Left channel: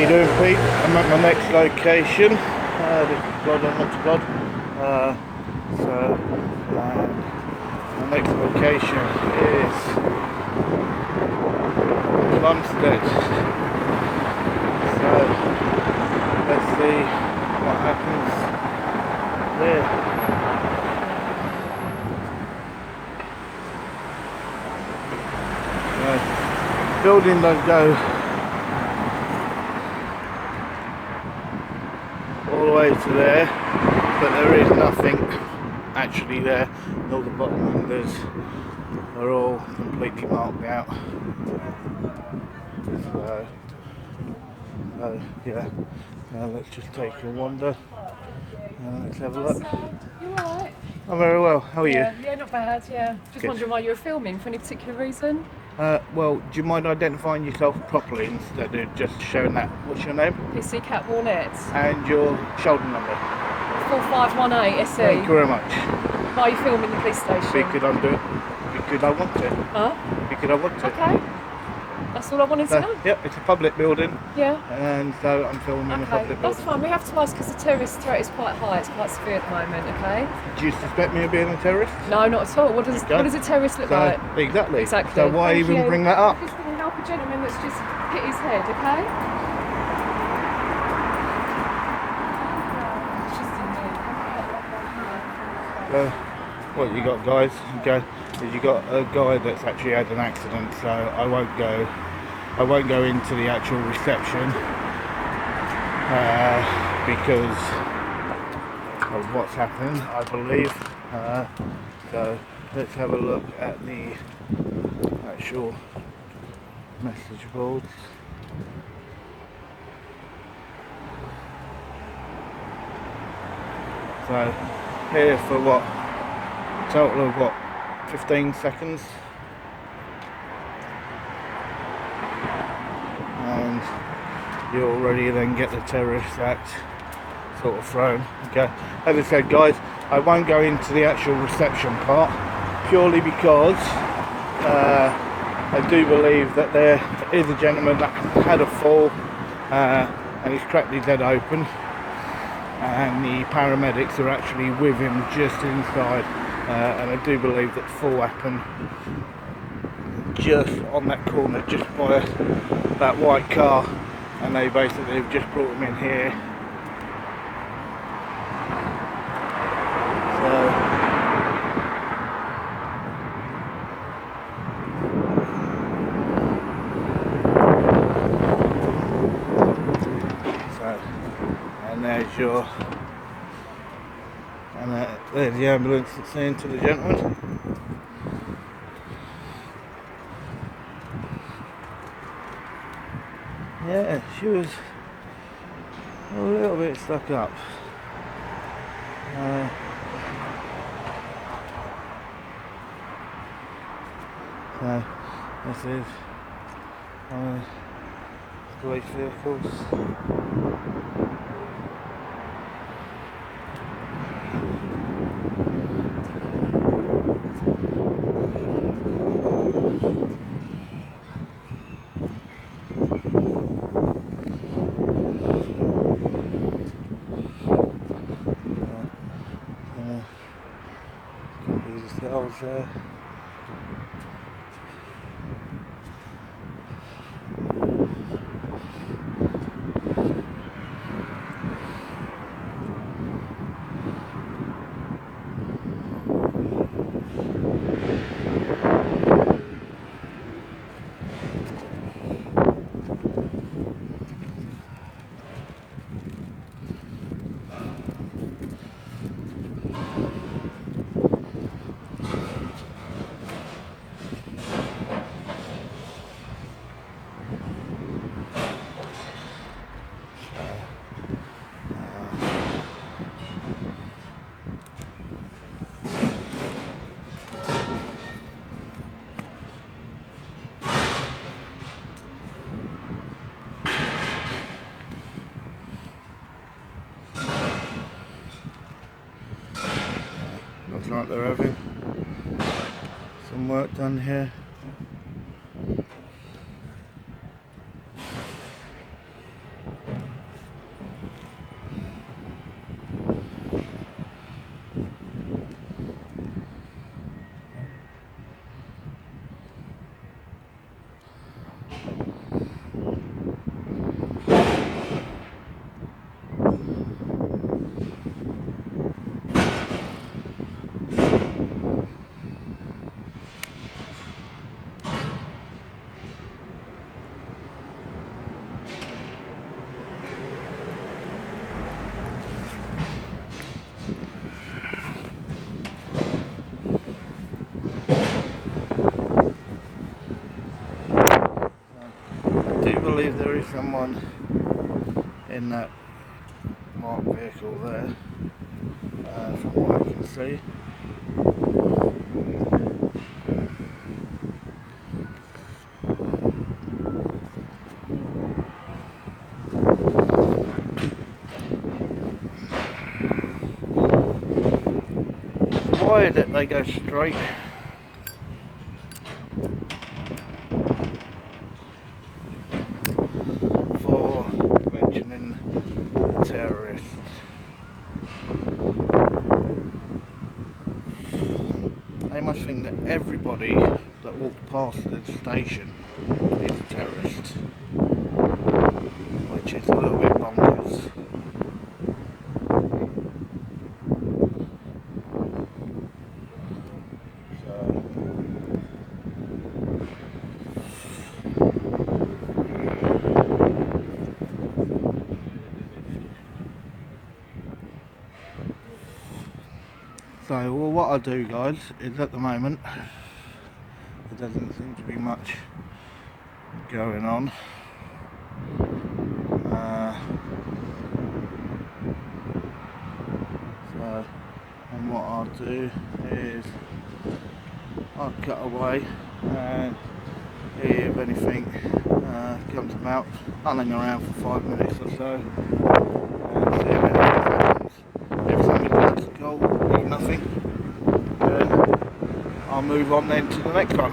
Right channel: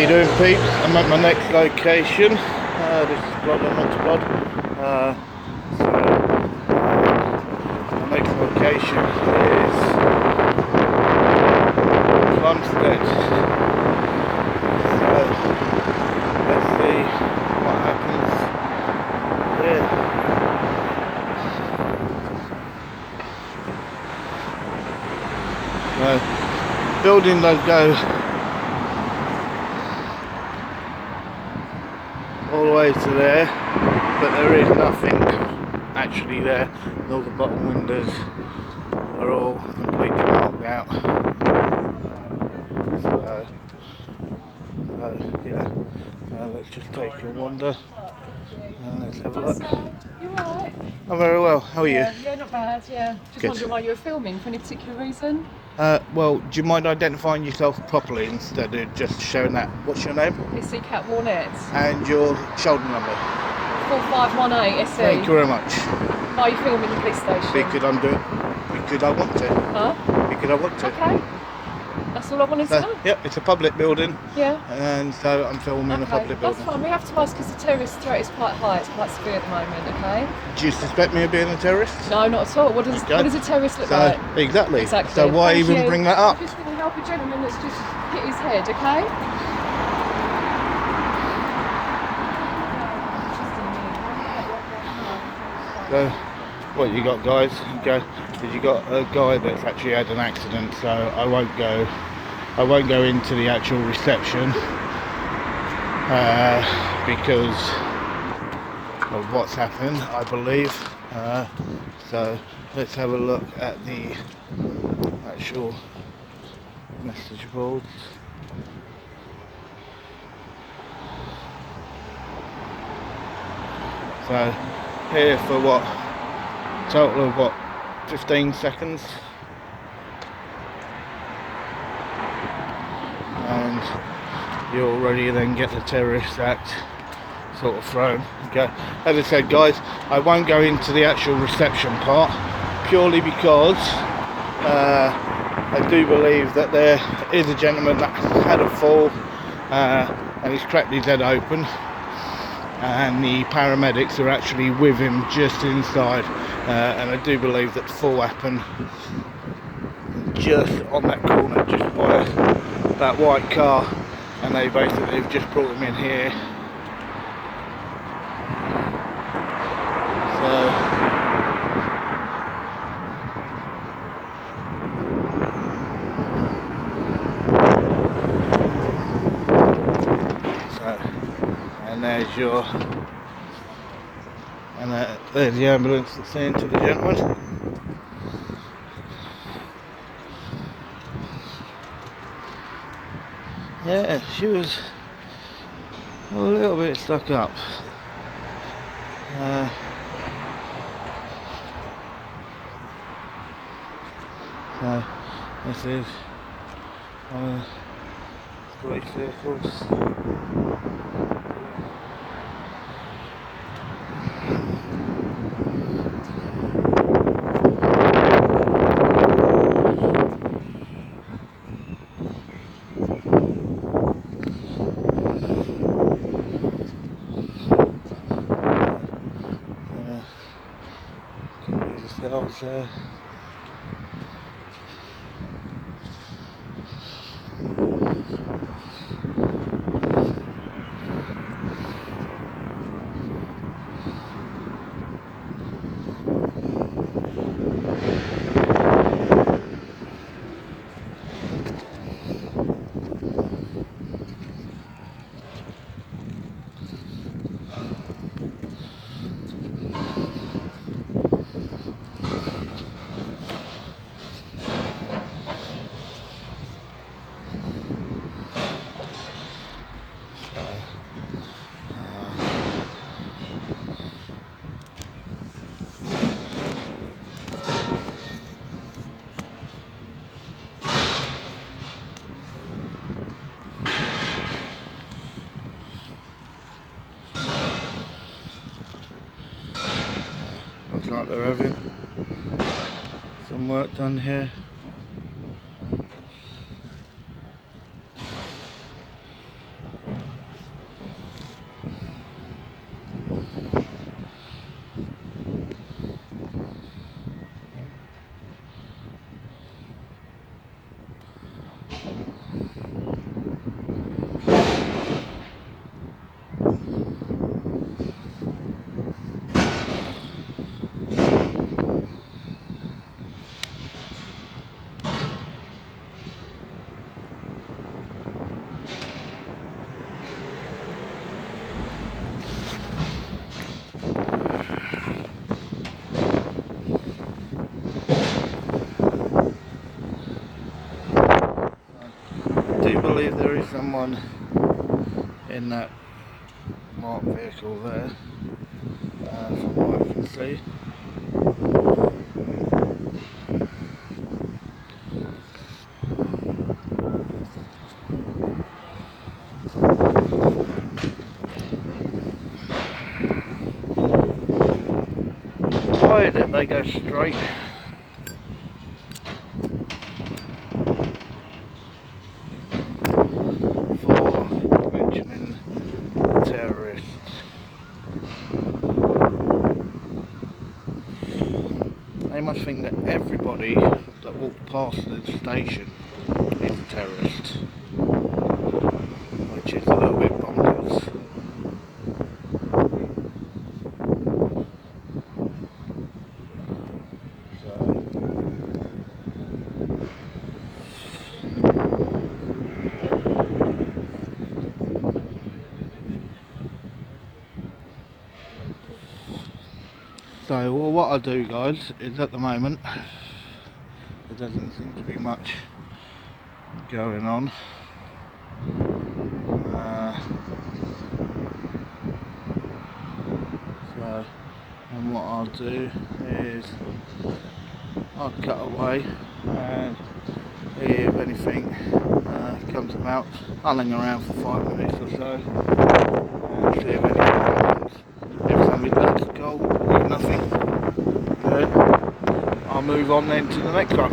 you doing, Pete? I'm at my next location. This is God, not to God. My next location is Plumstead. So let's see what happens here. Building does go all the way to there, but there is nothing actually there. All the bottom windows are all completely marked out. So yeah, let's just take a wander and let's have a look. You alright? I'm very well. How are you? Yeah, not bad. Yeah, just wondering why you were filming for any particular reason. Well, do you mind identifying yourself properly instead of just showing that? What's your name? PC Cat Warnett. And your shoulder number? 4518 SE. Thank you very much. Why are you filming the police station? Because I want to. Huh? Because I want to. Okay. That's all I wanted to know. Yep, it's a public building. Yeah. And so I'm filming a public building. That's fine. We have to ask because the terrorist threat is quite high. It's quite severe at the moment. Okay. Do you suspect me of being a terrorist? No, not at all. What does a terrorist look like? Exactly. Exactly. So why even bring that up? I'm just going to help a gentleman that's just hit his head. Okay. So, what you got, guys? You got a guy that's actually had an accident. So I won't go into the actual reception because of what's happened, I believe. So let's have a look at the actual message boards. So here for what? Total of what? 15 seconds. And you already then get the Terrorist Act sort of thrown. Okay. As I said, guys, I won't go into the actual reception part purely because I do believe that there is a gentleman that had a fall and has cracked his head open, and the paramedics are actually with him just inside, and I do believe that the fall happened just on that corner, just by that white car, and they basically have just brought him in here. And there's the ambulance that's saying to the gentleman. Yeah, she was a little bit stuck up. So this is one of the police vehicles. Yourselves there. Looks like they're having some work done here. believe there is someone in that marked vehicle there, from what I can see. Why did they go straight? For mentioning the terrorists. They must think that everybody that walked past the station is a terrorist, which is a little bit bonkers. So, well, what I do, guys, is at the moment there doesn't seem to be much going on. And what I'll do is I'll cut away, and if anything comes about, I'll hang around for 5 minutes or so and see if anything happens. If something goes cold, if nothing, then I'll move on then to the next one.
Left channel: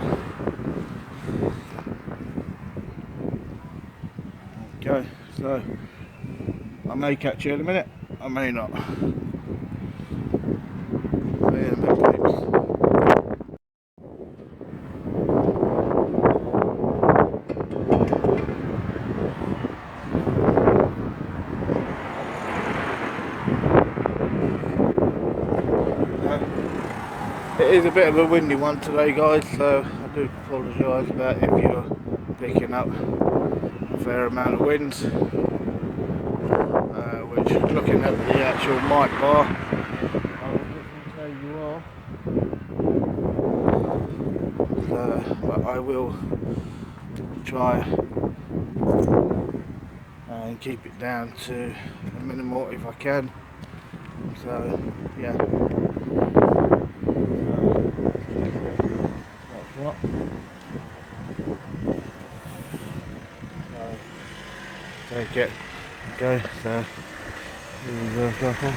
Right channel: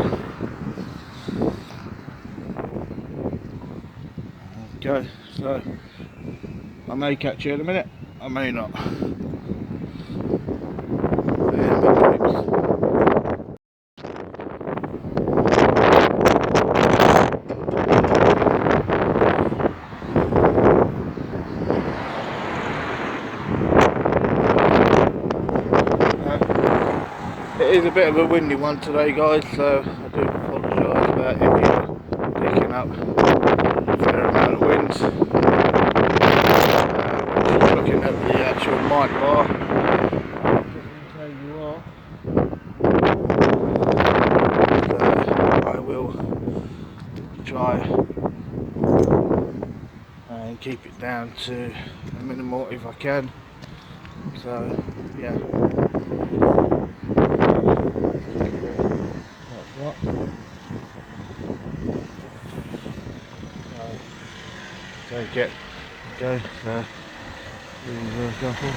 Okay, so I may catch you in a minute, I may not. It is a bit of a windy one today, guys, so I do apologise about if you're picking up a fair amount of wind. Which, looking at the actual mic bar, doesn't tell you are. So I will try and keep it down to a minimal if I can. So yeah. What? So get go. So here's a couple.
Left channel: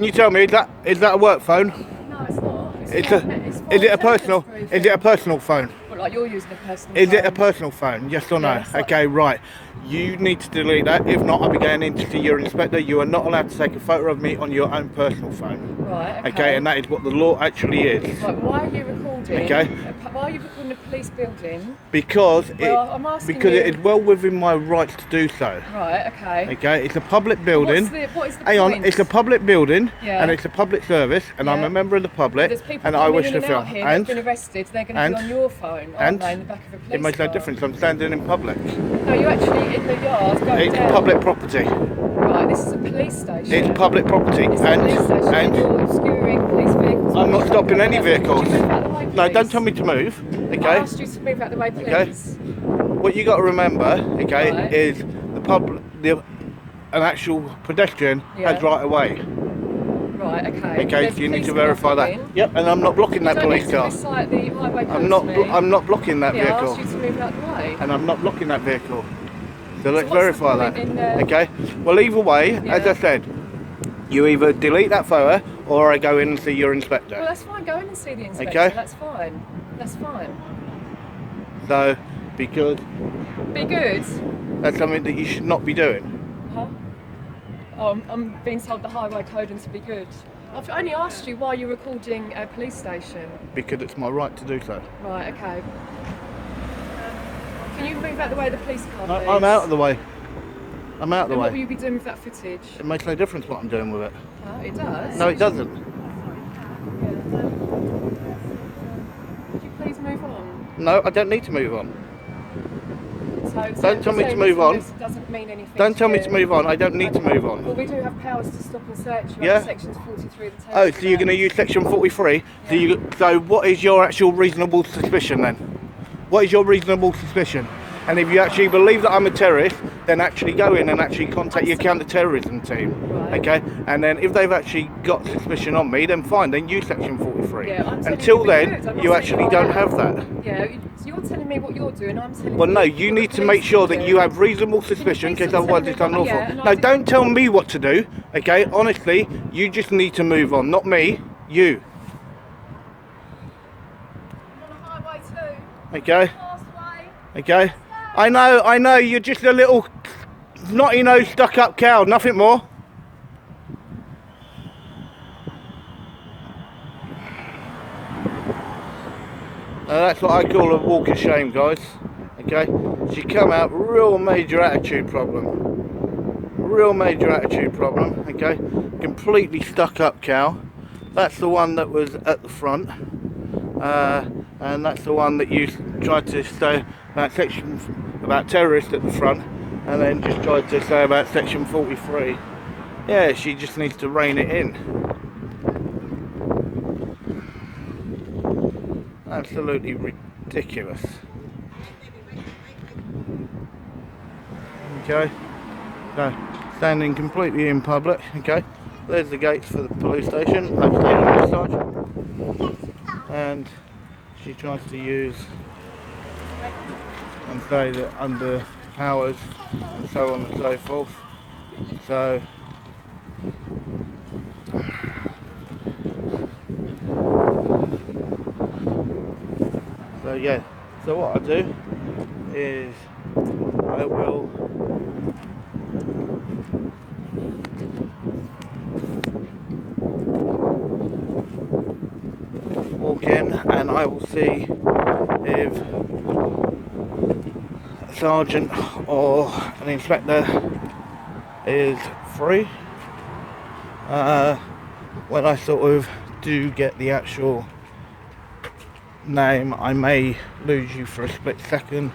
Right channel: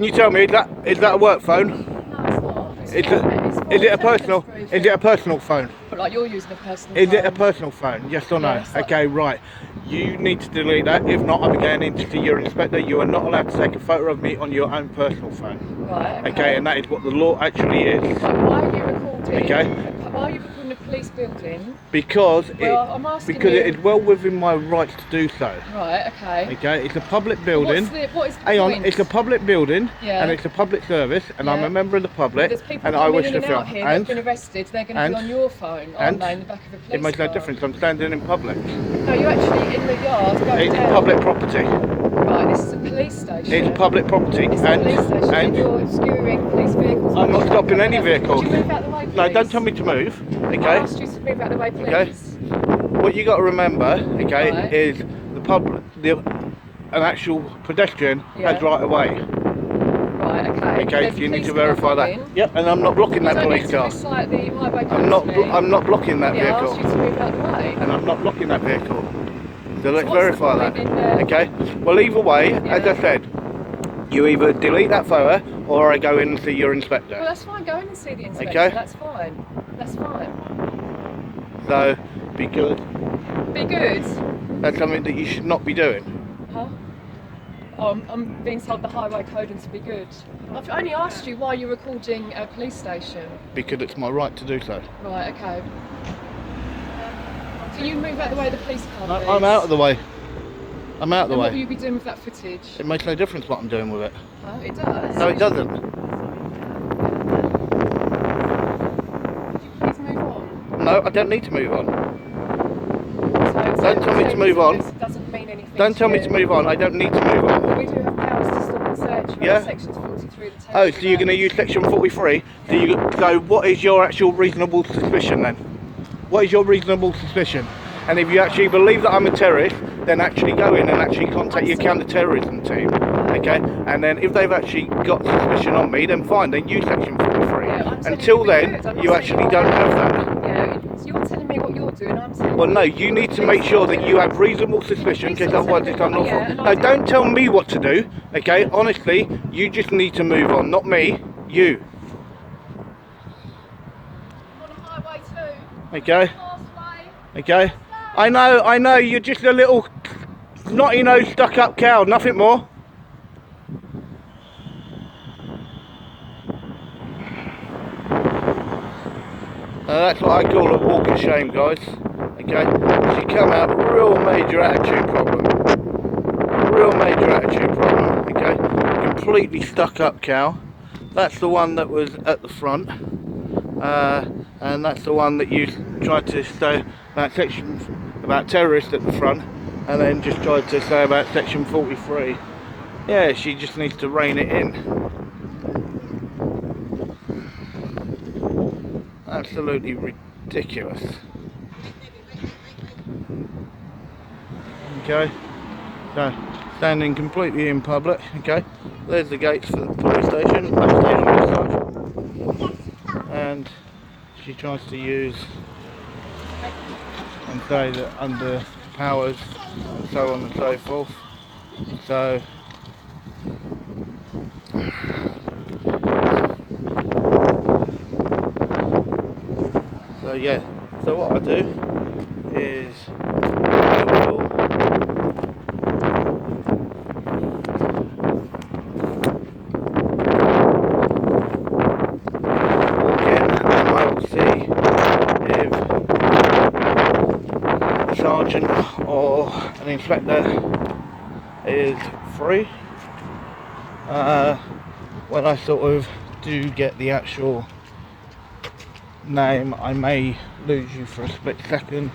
Can you tell me, is that a work phone? No, it's not. Is it a personal? Is it a personal phone? But like you're using a personal Is phone. it a personal phone? Yes or no? Yeah, it's like- Okay, right. You need to delete that. If not, I'll be going in to see your inspector. You are not allowed to take a photo of me on your own personal phone. Right, okay. Okay, and that is what the law actually is. Right, why are you recording? Okay. Why are you recording a police building? Because I'm asking because you. it is well within my rights to do so. Right, okay. Okay, it's a public building. What is the Hang point? on, it's a public building, Yeah. and it's a public service, and I'm Yeah. a member of the public, There's people and I coming wish in to and film. out here that have been arrested. They're going to be and- on your phone, aren't they, in the back of a police It makes no car? difference. I'm standing in public. No, you're actually in the yard going It's down. public property. Right, this is a police station. It's public property. It's a police station, and and you're obscuring police vehicles. I'm not stopping any vehicles. Could you move out the way, please? No, don't tell me to move. I Okay. asked you to move out the way, please. Okay. What you got to remember, okay, Right. is an actual pedestrian has Yeah. right away. Right, okay. Okay, There's so you need police to car verify that. coming. Yep, and I'm not blocking that You don't police need to car. recite the highway I'm code not. to me. I'm not blocking that Yeah, I vehicle, asked you to move out the way. and I'm not blocking that vehicle. So let's what's the verify point that. in, Okay. Well, either way, as Yeah. I said, you either delete that photo or I go in and see your inspector. Well, that's fine. Go in and see the inspector. Okay. That's fine. That's fine. So, because Be good. that's something that you should not be doing. Huh? Oh, I'm being told the highway code and to be good. I've only asked you why you're recording a police station. Because it's my right to do so. Right, okay. Can you move out the way of the police car, please? I'm out of the way. I'm out of the And what will way. you be doing with that footage? It makes no difference what I'm doing with it. Huh? It does. No, it doesn't. Could you please move on? No, I don't need to move on. So Don't tell me to saying move on. this doesn't mean anything. Don't tell me you. to move on. I don't need to move on. Well, we do have powers to stop and search. Yeah. Sections 43 of the Oh, so you're going to use section 43? So what is your actual reasonable suspicion then? What is your reasonable suspicion? And if you actually believe that I'm a terrorist, then actually go in and actually contact your counter-terrorism team, okay? And then if they've actually got suspicion on me, then fine, then use section 43. Yeah, I'm telling Until you to be then, good. I'm not you saying actually you don't are. have that. Yeah, you're telling me what you're doing. I'm telling Well, you. no, you need to make sure that you have reasonable suspicion, because otherwise it's unlawful. No, don't tell me what to do, okay? Honestly, you just need to move on, not me, you, I'm on a highway too. okay? Fast way. Okay? I know, you're just a little snotty-nosed, stuck-up cow, nothing more. That's what I call a walk of shame, guys. Okay? She come out real major attitude problem. Real major attitude problem, okay? Completely stuck-up cow. That's the one that was at the front. And that's the one that you tried to say about terrorists at the front, and then just tried to say about section 43. Yeah, she just needs to rein it in. Absolutely ridiculous. Okay, so standing completely in public. Okay, there's the gates for the police station, and she tries to use and say that under powers and so on and so forth. So yeah, so what I do is I will walk in and I will see if a sergeant or an inspector is free. When I sort of do get the actual name, I may lose you for a split second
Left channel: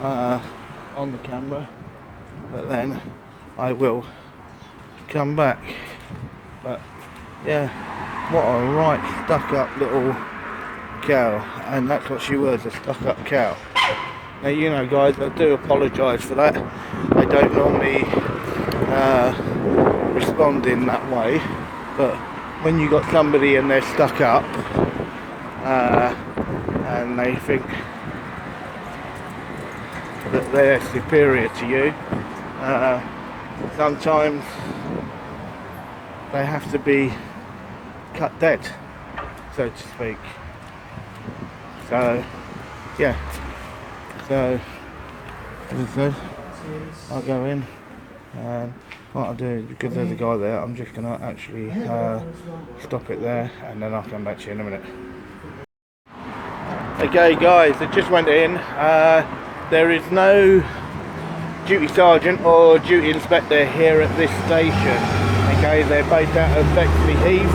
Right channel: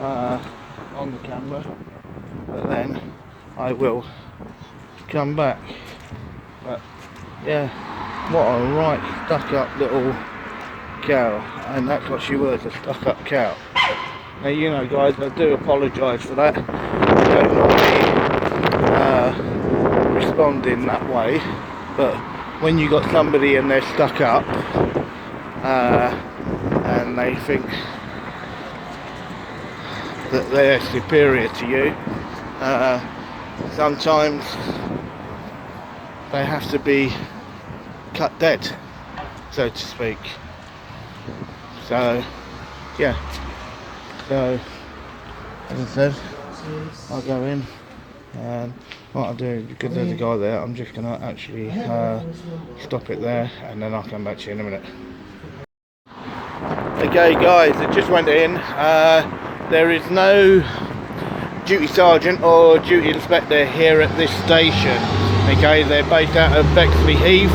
on the camera, but then I will come back. But yeah, what a right stuck up little cow, and that's what she was, a stuck up cow. Now, you know, guys, I do apologise for that. I don't normally respond in that way, but when you got somebody and they're stuck up and they think that they're superior to you, sometimes they have to be cut dead, so to speak. So yeah, so as I said, I'll go in, and what I'll do is, because there's a guy there, I'm just going to actually stop it there, and then I'll come back to you in a minute. Okay guys, it just went in. There is no duty sergeant or duty inspector here at this station. Okay, they're based out of Bexley Heath,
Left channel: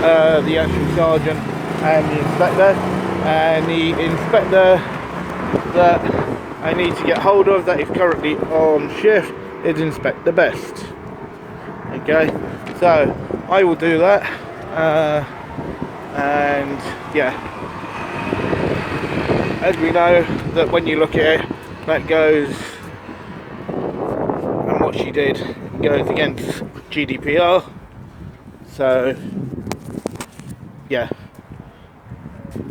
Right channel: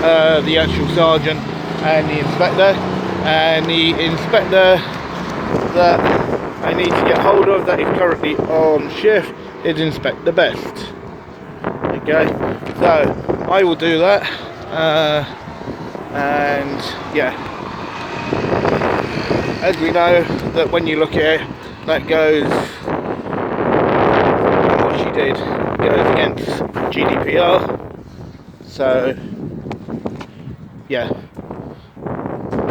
the actual sergeant and the inspector. And the inspector that I need to get hold of, that is currently on shift, is Inspector Best. Okay, so I will do that, and yeah, as we know, that when you look at it, that goes, and what she did goes against GDPR. So yeah,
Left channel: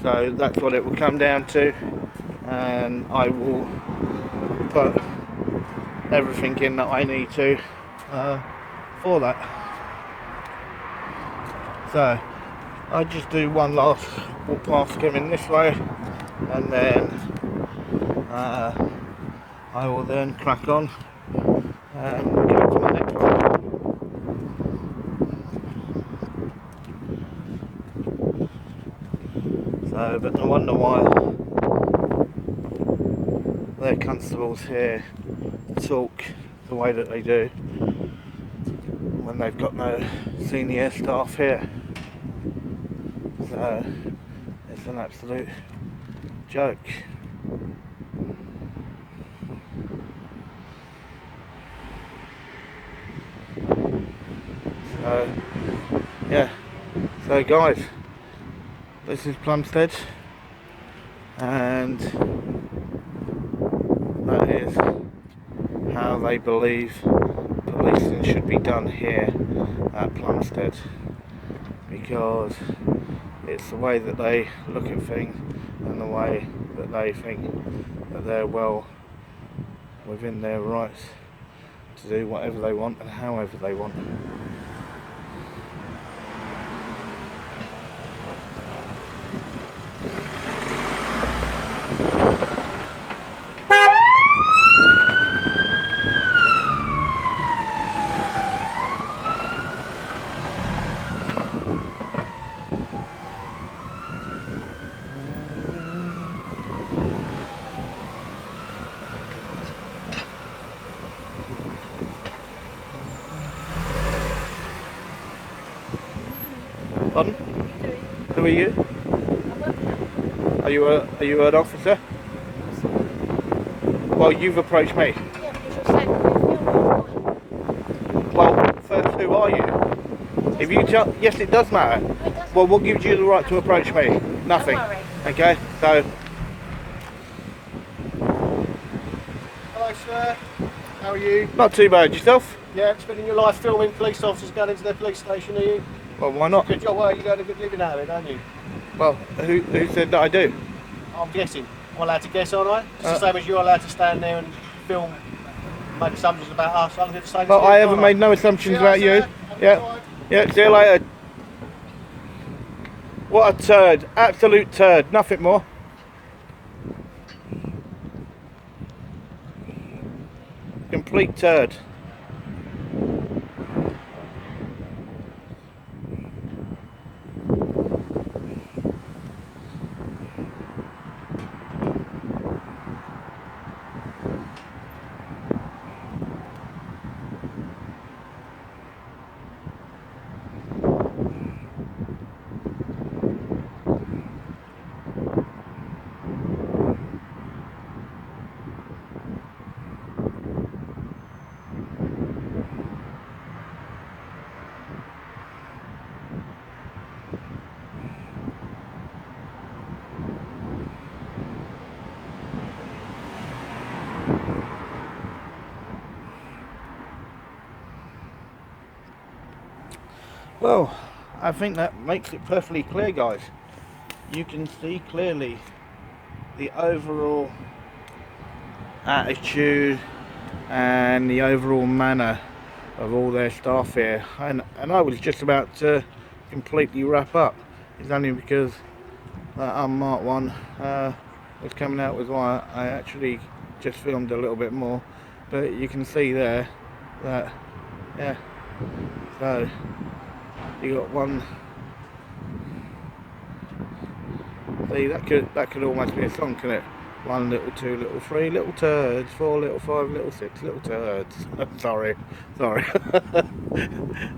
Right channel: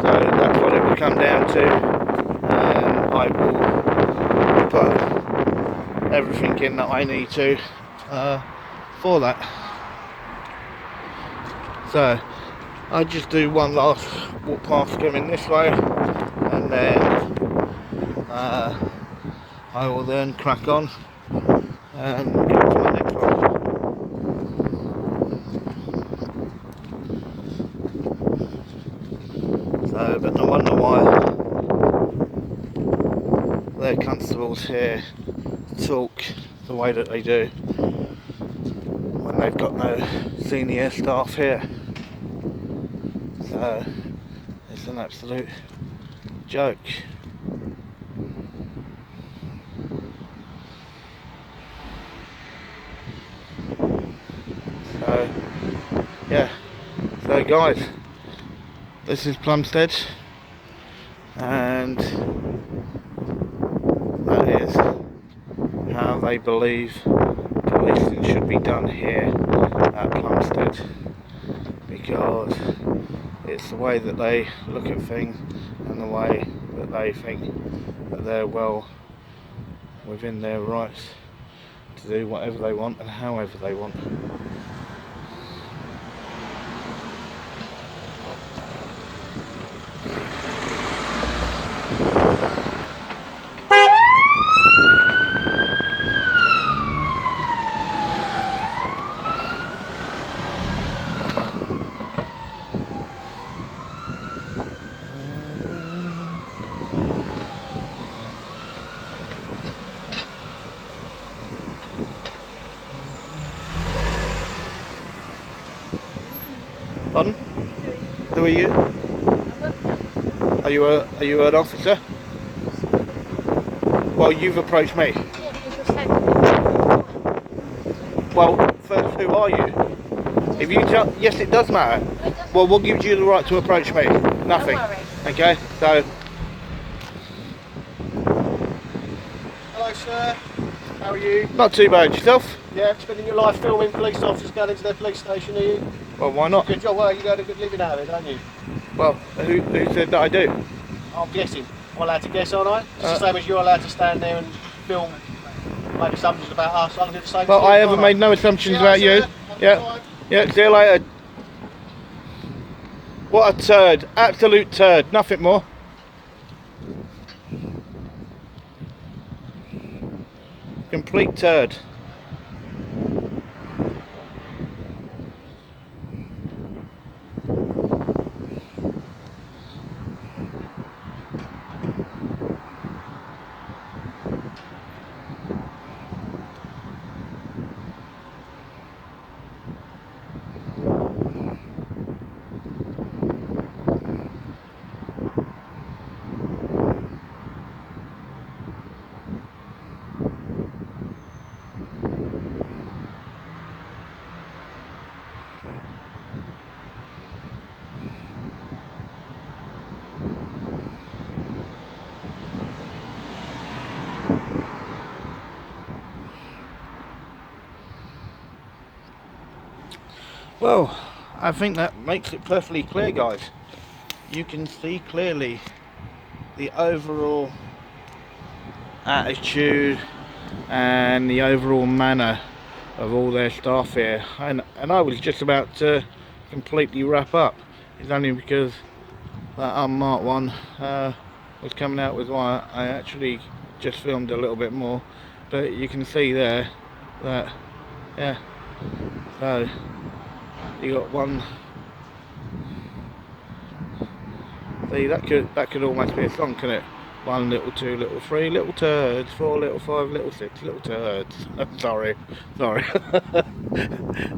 so that's what it will come down to, and I will put everything in that I need to for that. So I'll just do one last walk past coming this way, and then I will then crack on and get to the next one. So, but no wonder why their constables here talk the way that they do when they've got no senior staff here. So it's an absolute joke. So yeah, so guys, this is Plumstead, and that is how they believe policing should be done here at Plumstead, because it's the way that they look at things and the way that they think that they're well within their rights to do whatever they want and however they want. Pardon? Who are you? Are you an officer? Well, you've approached me. Yeah, because you're saying that. Well, first, who are you? If you just, yes, it does matter. No, it doesn't. Well, what gives you the right to approach me? Nothing. Don't worry. Okay, so. Hello sir, how are you? Not too bad. Yourself? Yeah, spending your life filming police officers going into their police station, are you? Well, why not? Good job, well you got a good living out of it, don't you? Well, who said that I do? I'm guessing. I'm allowed to guess, aren't I? It's Uh, the same as you're allowed to stand there and film, make assumptions about us. I'm going to say Well, I haven't made no assumptions about you. Yeah. Yeah, see you later. What a turd. Absolute turd. Nothing more. Complete turd. Well, I think that makes it perfectly clear, guys. You can see clearly the overall attitude and the overall manner of all their staff here, and I was just about to completely wrap up. It's only because that unmarked one was coming out with wire. I actually just filmed a little bit more, but you can see there that, yeah, so you got one. See, that could almost be a song, couldn't it? 1 little, 2 little, 3 little turds, 4 little, 5 little, 6 little turds. sorry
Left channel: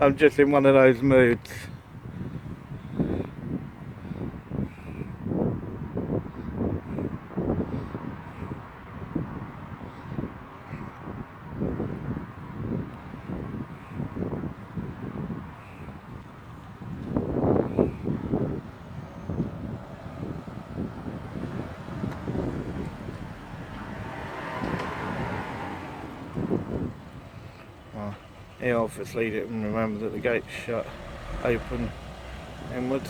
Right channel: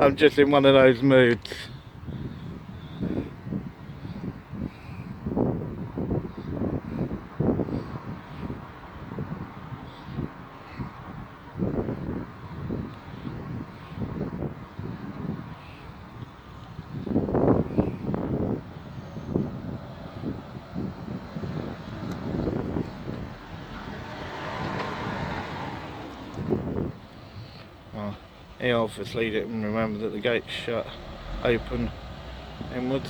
I'm just in one of those moods. He obviously didn't remember that the gate's shut open inwards.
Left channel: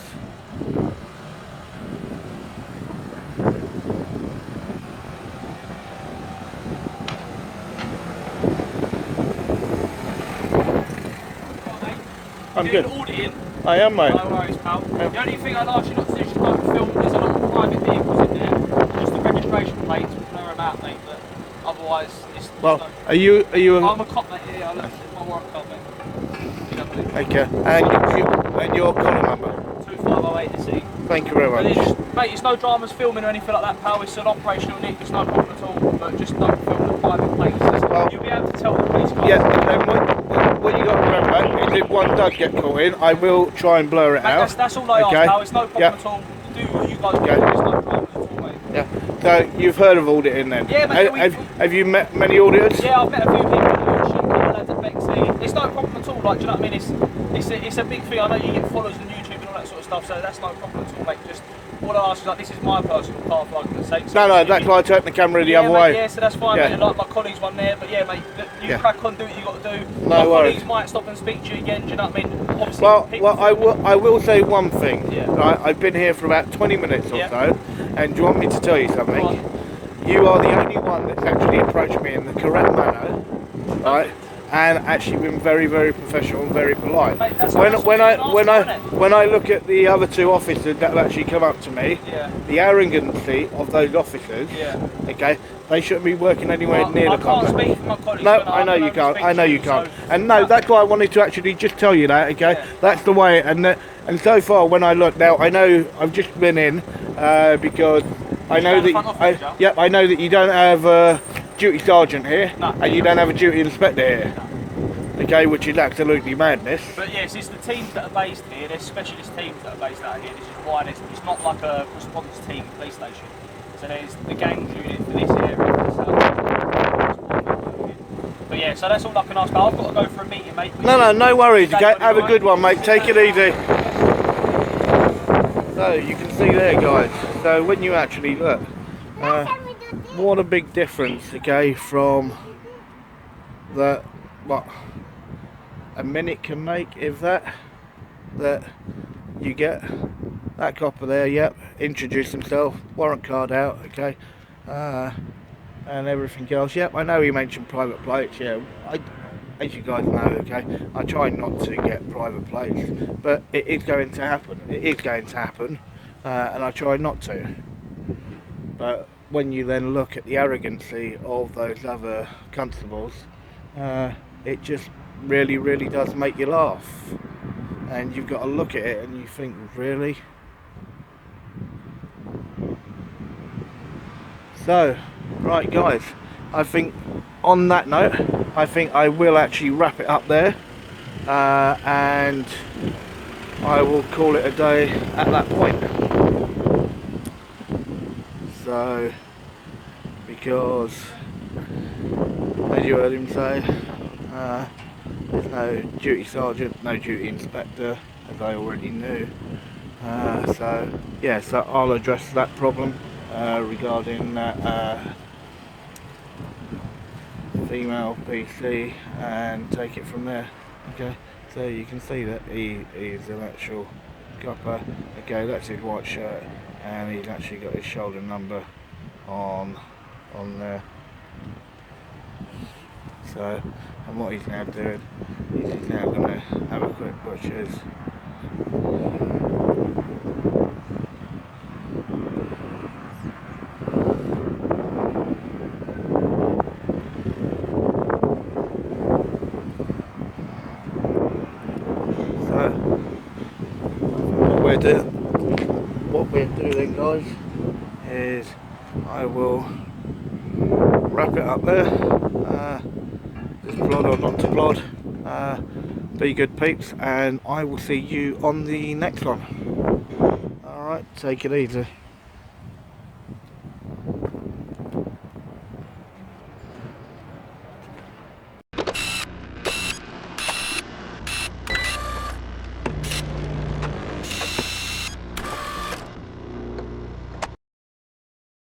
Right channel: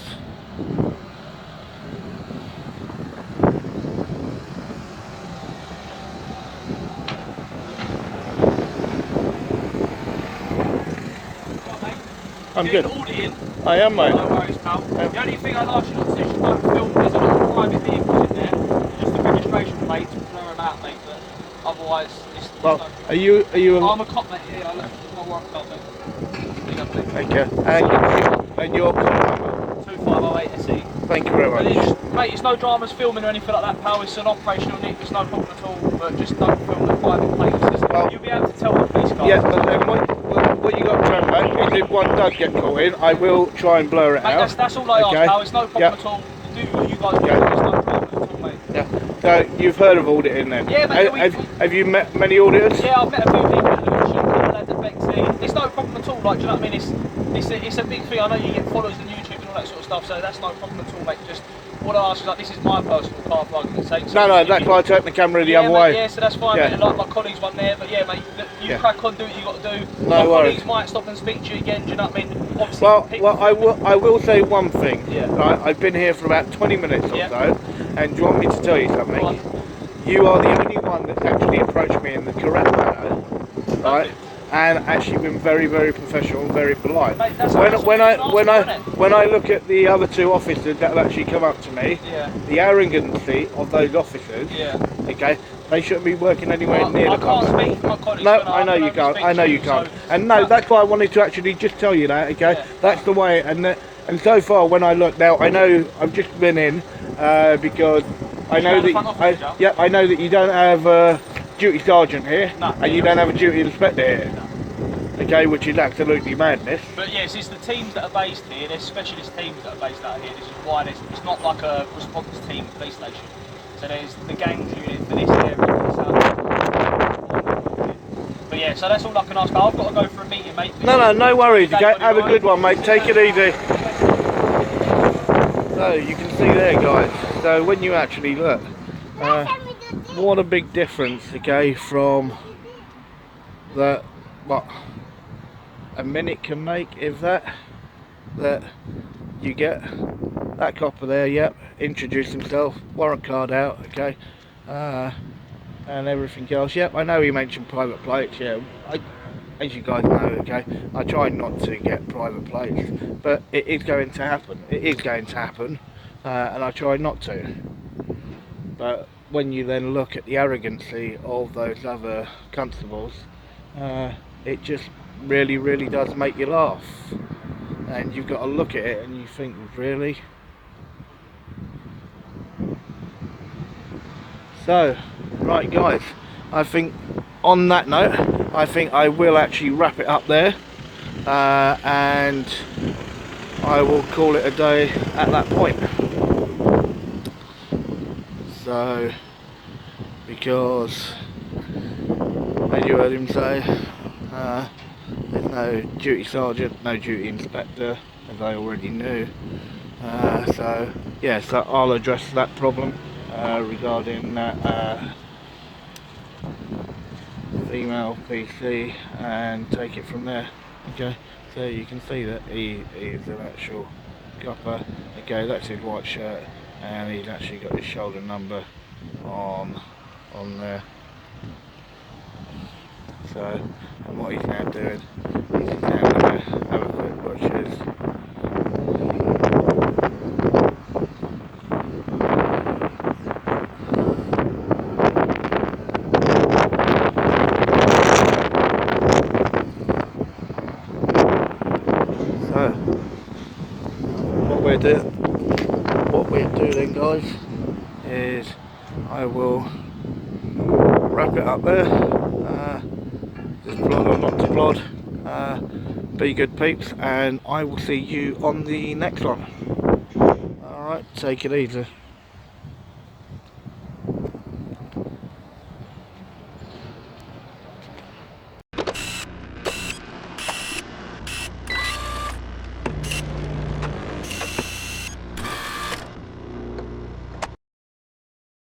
I'm good. I am, mate. No worries, pal. The only thing I'd ask you not to do is film. There's a lot of private vehicles in there. Just the registration plates will blur them out, mate. But otherwise, it's Well, are you I'm a cop, mate. Yeah, I left my work cop, mate. Okay. And your call number? 2508 Thank you very much. Mate, it's no dramas filming or anything like that, pal. It's an operational need. There's no problem at all. But just don't film the private plates. Well, you'll be able to tell the police cars. Yeah. What you got to remember is if one does get caught in, I will try and blur it mate, out. That's all I ask, pal. It's no problem Yeah. at all. Do what you guys do. Yeah. It's no problem at all, mate. Yeah. So you've heard of auditing then? Yeah, mate. Have you met many auditors? Yeah, I've met a few people at Lucian, a couple lads at Bexley. It's no problem at all. Like, do you know what I mean? It's a big thing. I know you get followers on YouTube and all that sort of stuff, so that's no problem at all, mate. Just what I ask is like, this is my personal car, for argument's sake. So No, that's why I take the camera the other mate, way. Yeah, so that's fine, Yeah. mate. And like my colleagues one there, but yeah, mate, you crack on, do what you got to do. No My worries. colleagues might stop and speak to you again. Do you know what I mean? Obviously, Well, I will say one thing. Yeah. Right, I've been here for about 20 minutes or Yeah. so, and do you want me to tell you something? Go on. You are the only one that's actually approached me in the correct manner, right? Perfect. And actually been very, very professional and very polite. Mate, that's When what you can ask for, when I look at the other two officers that have actually come up to me, Yeah. the arrogancy of those officers, Yeah. okay, they shouldn't be working anywhere near I the can't car. speak for my colleagues. No, but I know can you only can't. speak I know to you can't. so- And no, that's why I wanted to actually just tell you that. Okay, Yeah. that's the way. And so far, when I look now, I know I've just been in because I know the front office, that I know that you don't have a duty sergeant here, No, and you don't have a duty inspector here. Okay, which is absolutely madness. But yes, it's the teams that are based here. There's specialist teams that are based out here. This is why it's not like a response team police station. So there's the gangs unit for this area, for the south. But yeah, so that's all I can ask. But I've got to go for a meeting, mate. No worries. Is that Okay, what you have a want? good one, mate. Take it easy. So you can see there, guys. So when you actually look, what a big difference, okay, from that what a minute can make, if that you get that copper there, yep, introduce himself, warrant card out, okay, and everything else. Yep, I know he mentioned private plates. Yeah, as you guys know, okay, I try not to get private plates, but it is going to happen. It is going to happen, and I try not to. But when you then look at the arrogancy of those other constables, it just really does make you laugh. And you've got to look at it and you think, really? So, right guys, I think on that note, I think I will actually wrap it up there, and I will call it a day at that point. So, because as you heard him say, there's no duty sergeant, no duty inspector, as I already knew. So yeah, so I'll address that problem regarding that female PC and take it from there. Okay, so you can see that he is an actual copper. Okay, that's his white shirt, and he's actually got his shoulder number on there. So And what he's now doing is he's now going to have a quick butchers. So what we'll do then, guys, is I will wrap it up there. Just plod or not to plod. Be good peeps, and I will see you on the next one. Alright, take it easy.